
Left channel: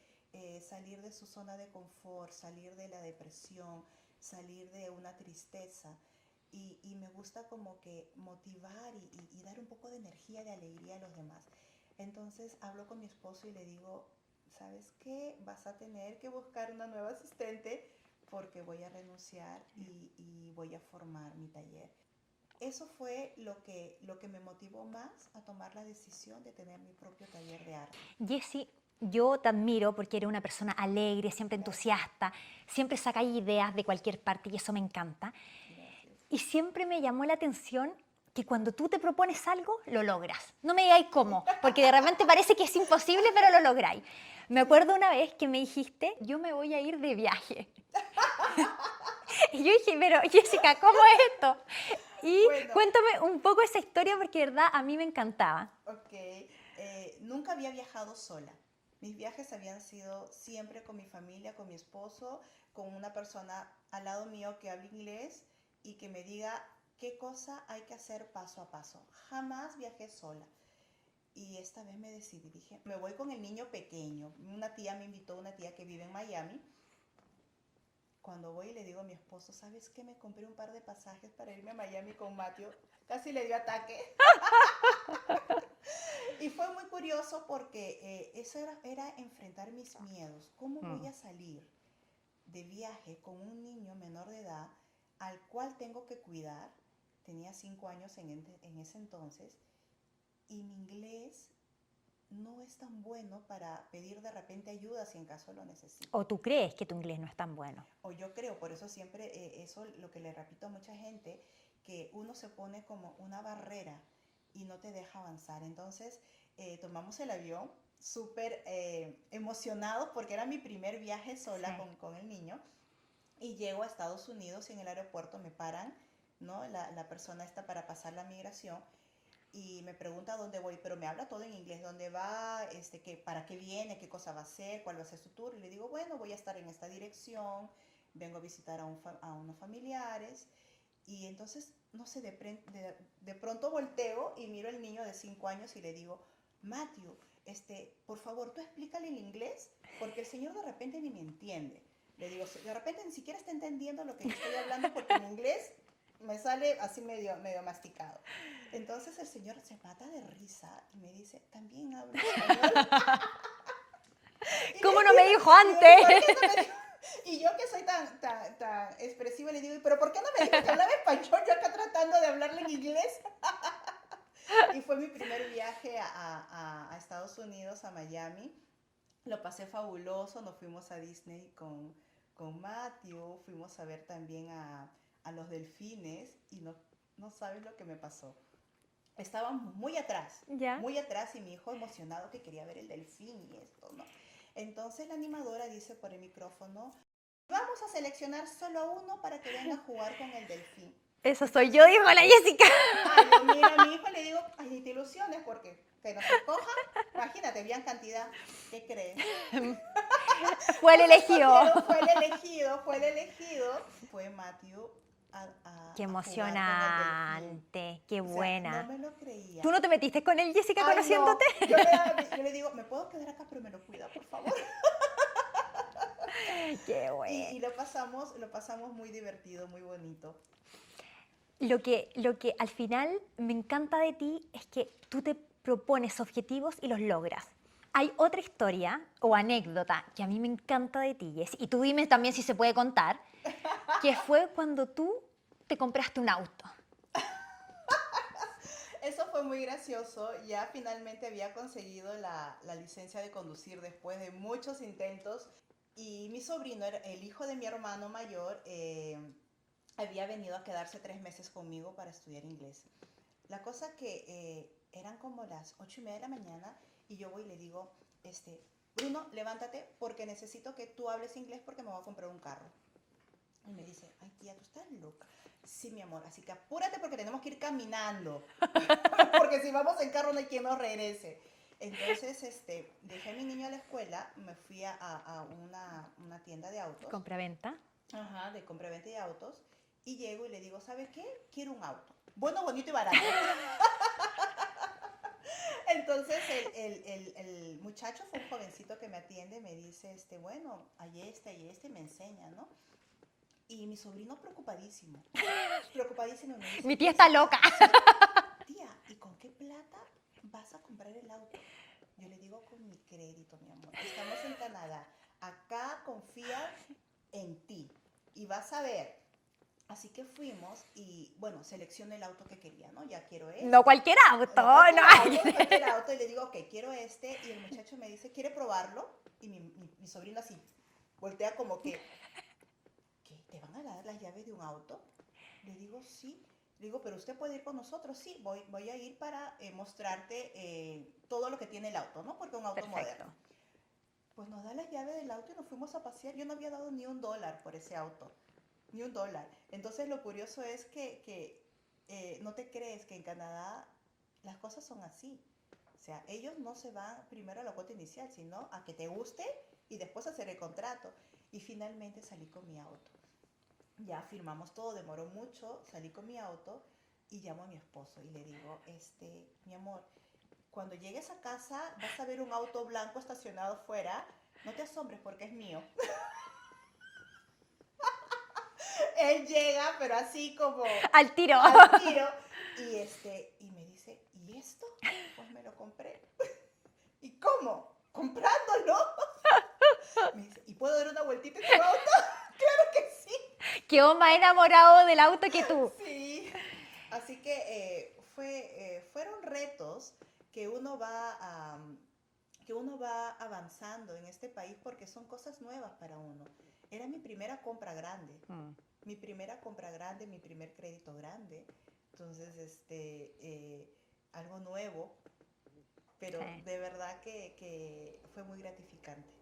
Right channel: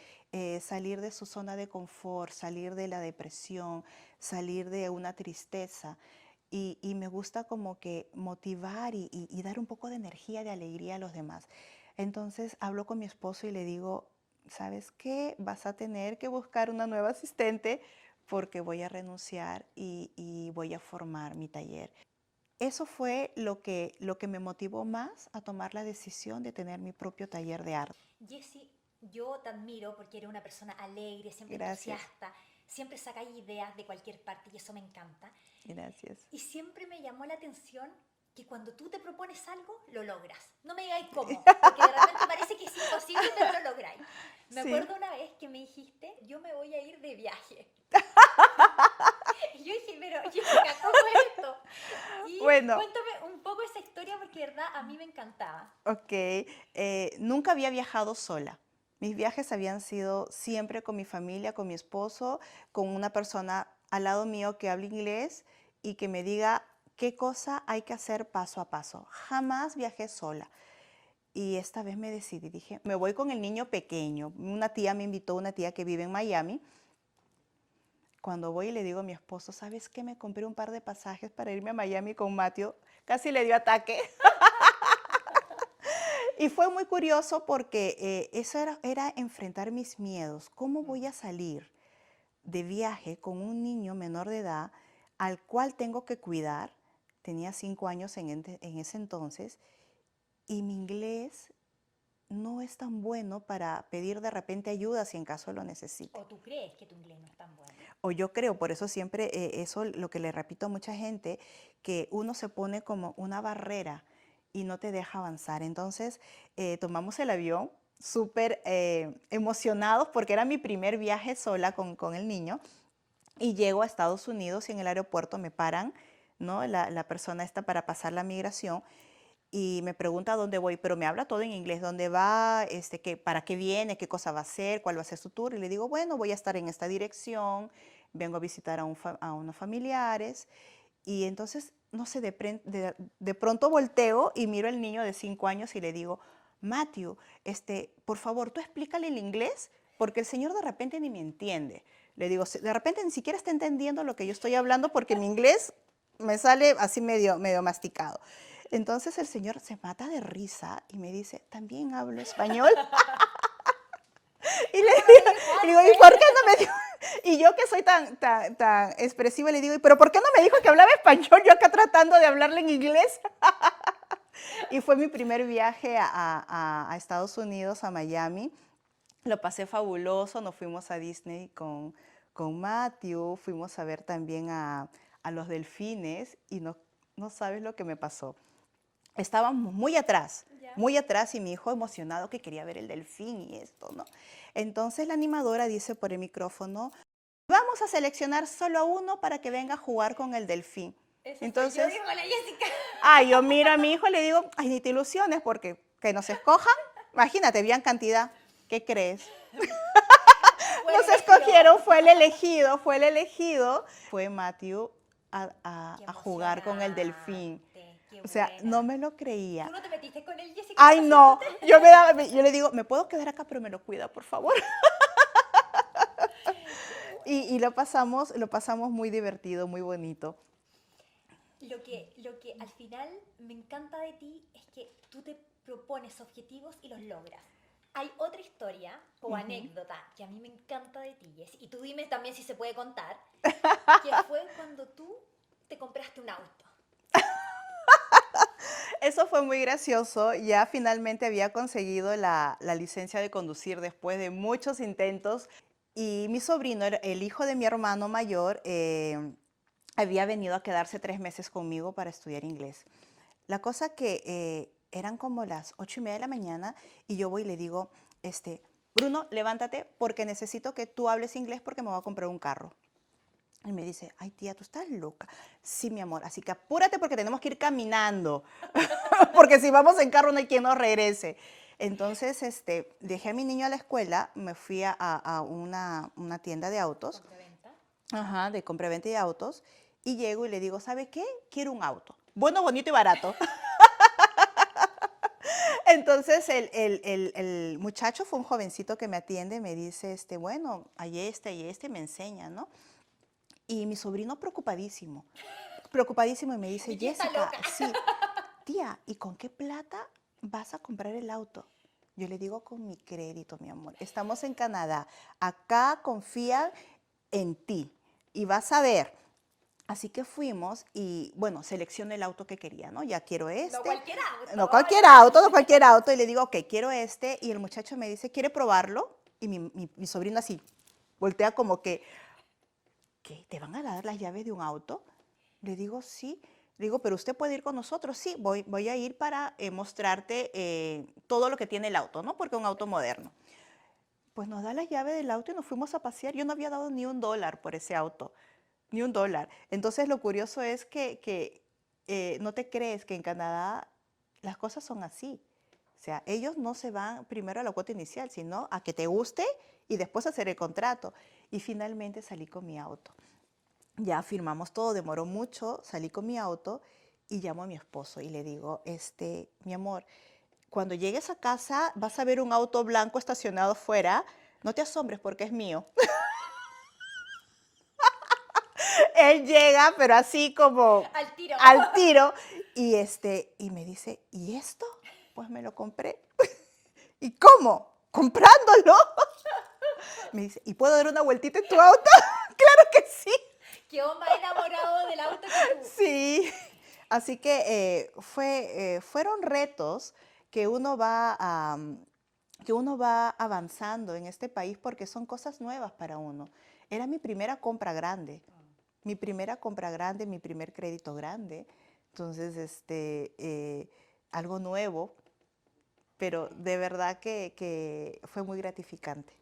salir de su zona de confort, salir de la depresión, salir de una tristeza. Y me gusta como que motivar y dar un poco de energía, de alegría a los demás. Entonces hablo con mi esposo y le digo, ¿sabes qué? Vas a tener que buscar una nueva asistente porque voy a renunciar y voy a formar mi taller. Eso fue lo que me motivó más a tomar la decisión de tener mi propio taller de arte. Jessie, yo te admiro porque eres una persona alegre, siempre Gracias. entusiasta, siempre sacáis ideas de cualquier parte y eso me encanta. Gracias. Y siempre me llamó la atención que cuando tú te propones algo, lo logras. No me digáis cómo, porque de repente parece que es imposible, pero lo lográis. Me acuerdo una vez que me dijiste, yo me voy a ir de viaje. Y yo dije, pero Jessica, ¿cómo es esto? Y Bueno. cuéntame un poco esa historia porque de verdad a mí me encantaba. Ok, nunca había viajado sola. Mis viajes habían sido siempre con mi familia, con mi esposo, con una persona al lado mío que habla inglés y que me diga qué cosa hay que hacer paso a paso. Jamás viajé sola. Y esta vez me decidí, dije, me voy con el niño pequeño. Una tía me invitó, una tía que vive en Miami. Cuando voy le digo a mi esposo, ¿sabes qué? Me compré un par de pasajes para irme a Miami con Matthew. Casi le dio ataque. Y fue muy curioso porque eso era enfrentar mis miedos. ¿Cómo voy a salir de viaje con un niño menor de edad al cual tengo que cuidar? Tenía 5 años en ese entonces y mi inglés no es tan bueno para pedir de repente ayuda si en caso lo necesito. ¿O tú crees que tu inglés no es tan bueno? O yo creo, por eso siempre, eso lo que le repito a mucha gente, que uno se pone como una barrera y no te deja avanzar. Entonces tomamos el avión súper emocionados porque era mi primer viaje sola con el niño y llego a Estados Unidos y en el aeropuerto me paran, ¿no? La persona esta para pasar la migración y me pregunta a dónde voy, pero me habla todo en inglés, dónde va, para qué viene, qué cosa va a hacer, cuál va a ser su tour. Y le digo, bueno, voy a estar en esta dirección, vengo a visitar a unos familiares. Y entonces, no sé, de pronto volteo y miro al niño de 5 años y le digo, Matthew, por favor, tú explícale el inglés, porque el señor de repente ni me entiende. Le digo, de repente ni siquiera está entendiendo lo que yo estoy hablando porque mi inglés me sale así medio masticado. Entonces el señor se mata de risa y me dice, ¿también hablo español? Y ¿Cómo no me dijo y digo, antes? ¿y por qué no me dijo? Y yo que soy tan expresiva le digo, ¿pero por qué no me dijo que hablaba español? Yo acá tratando de hablarle en inglés. Y fue mi primer viaje a Estados Unidos, a Miami. Lo pasé fabuloso, nos fuimos a Disney con Matthew, fuimos a ver también a los delfines y no sabes lo que me pasó. Estábamos muy atrás y mi hijo emocionado que quería ver el delfín y esto, ¿no? Entonces la animadora dice por el micrófono, vamos a seleccionar solo a uno para que venga a jugar con el delfín. Eso Entonces, soy yo, dijo la Jessica. Ay, yo miro a mi hijo y le digo, ay, ni te ilusiones porque que nos escojan, imagínate, bien cantidad, ¿qué crees? Fue el Nos elegido. escogieron, fue el elegido, fue Matthew. Qué a jugar con el delfín. emocionante, qué O sea, buena. no me lo creía. ¿Tú no te metiste con él, Jessica, Ay, no. conociéndote? Yo le digo, ¿me puedo quedar acá? Pero me lo cuida, por favor. Qué Y lo pasamos muy divertido, muy bonito. Lo que al final me encanta de ti es que tú te propones objetivos y los logras. Hay otra historia o anécdota que a mí me encanta de ti, Jess, y tú dime también si se puede contar, que fue cuando tú te compraste un auto. Eso fue muy gracioso. Ya finalmente había conseguido la licencia de conducir después de muchos intentos. Y mi sobrino, el hijo de mi hermano mayor, había venido a quedarse 3 meses conmigo para estudiar inglés. La cosa que eran como las 8:30 de la mañana y yo voy y le digo, Bruno, levántate porque necesito que tú hables inglés porque me voy a comprar un carro. Y me dice, ay tía, ¿tú estás loca? Sí, mi amor, así que apúrate porque tenemos que ir caminando, porque si vamos en carro no hay quien nos regrese. Entonces, dejé a mi niño a la escuela, me fui a una tienda de autos, Compra-venta. ajá, de compra-venta de autos, y llego y le digo, ¿sabes qué? Quiero un auto. Bueno, bonito y barato. Entonces, el muchacho fue un jovencito que me atiende, me dice, bueno, hay y me enseña, ¿no? Y mi sobrino preocupadísimo y me dice, Mi tía está Jessica, loca. sí, tía, ¿y con qué plata vas a comprar el auto? Yo le digo, con mi crédito, mi amor. Estamos en Canadá. Acá confían en ti y vas a ver. Así que fuimos y, bueno, seleccioné el auto que quería, ¿no? Ya quiero No cualquier auto. No cualquier auto, no cualquier auto. Y le digo, ok, quiero este. Y el muchacho me dice, ¿quiere probarlo? Y mi sobrino así voltea como que, ¿qué? ¿Te van a dar las llaves de un auto? Le digo, sí. Le digo, pero usted puede ir con nosotros. Sí, voy a ir para mostrarte todo lo que tiene el auto, ¿no? Porque es un auto moderno. Pues nos da las llaves del auto y nos fuimos a pasear. Yo no había dado ni $1 por ese auto, ni $1. Entonces lo curioso es que no te crees que en Canadá las cosas son así. O sea, ellos no se van primero a la cuota inicial, sino a que te guste y después hacer el contrato. Y finalmente salí con mi auto. Ya firmamos todo, demoró mucho, salí con mi auto y llamo a mi esposo y le digo, mi amor, cuando llegues a casa vas a ver un auto blanco estacionado fuera, no te asombres porque es mío. Él llega, pero así como Al tiro. al tiro, y me dice, ¿y esto? Pues me lo compré. ¿Y cómo? ¿Comprándolo? Me dice, ¿y puedo dar una vueltita en tu auto? Claro que sí. Quedó más enamorado del auto que tú. Sí. Así que fueron retos que que uno va avanzando en este país porque son cosas nuevas para uno. Era mi primera compra grande, mi primer crédito grande. Entonces, algo nuevo, pero Sí. de verdad que fue muy gratificante.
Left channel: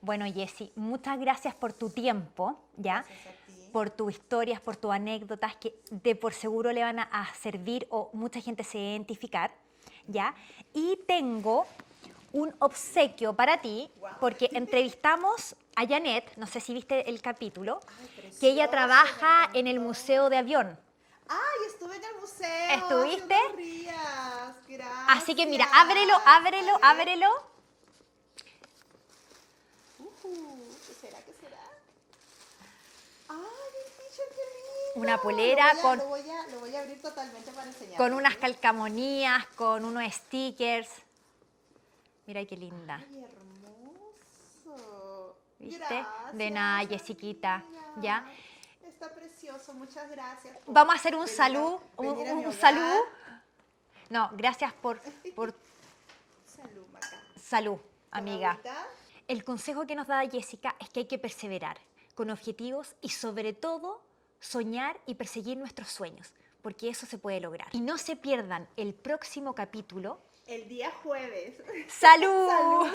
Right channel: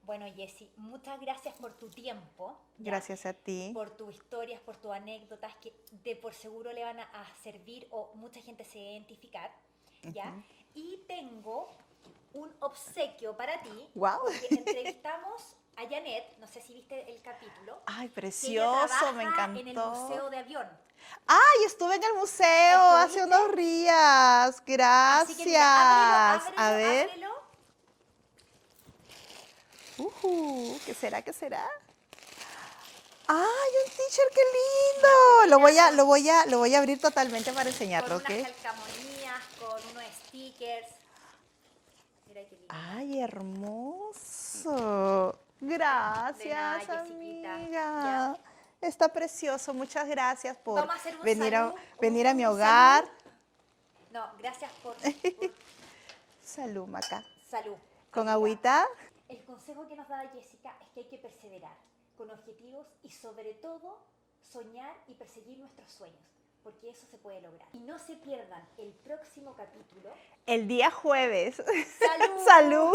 Bueno, Jessy, muchas gracias por tu tiempo, ¿ya? Gracias a ti. Por tus historias, por tus anécdotas que de por seguro le van a servir o mucha gente se va a identificar, ¿ya? Y tengo un obsequio para ti, Guau. porque entrevistamos a Janet, no sé si viste el capítulo, Ay, precioso, que ella me trabaja en el encantó. Museo de Avión. ¡Ay, estuve en el museo hace ¿Estuviste? unos días! Gracias. Así que mira, ábrelo, ábrelo, A ver. ábrelo. ¿Qué será? ¿Qué será? ¡Ay, un t-shirt, qué lindo! Una polera Lo voy a abrir totalmente para enseñarlo. con unas ¿ok? calcamonías, con unos stickers. Mira qué linda. ¡Ay, hermoso! ¿Viste? Gracias, De nada, Jessiquita. amiga. ¿Ya? Está precioso. Muchas gracias por Vamos a hacer un venir salud. venir a mi un hogar. salud. No, gracias por Salud, Maca. salud, ¿Con amiga. agüita? El consejo que nos da Jessica es que hay que perseverar con objetivos y sobre todo soñar y perseguir nuestros sueños, porque eso se puede lograr. Y no se pierdan el próximo capítulo. El día jueves. ¡Salud! ¡Salud!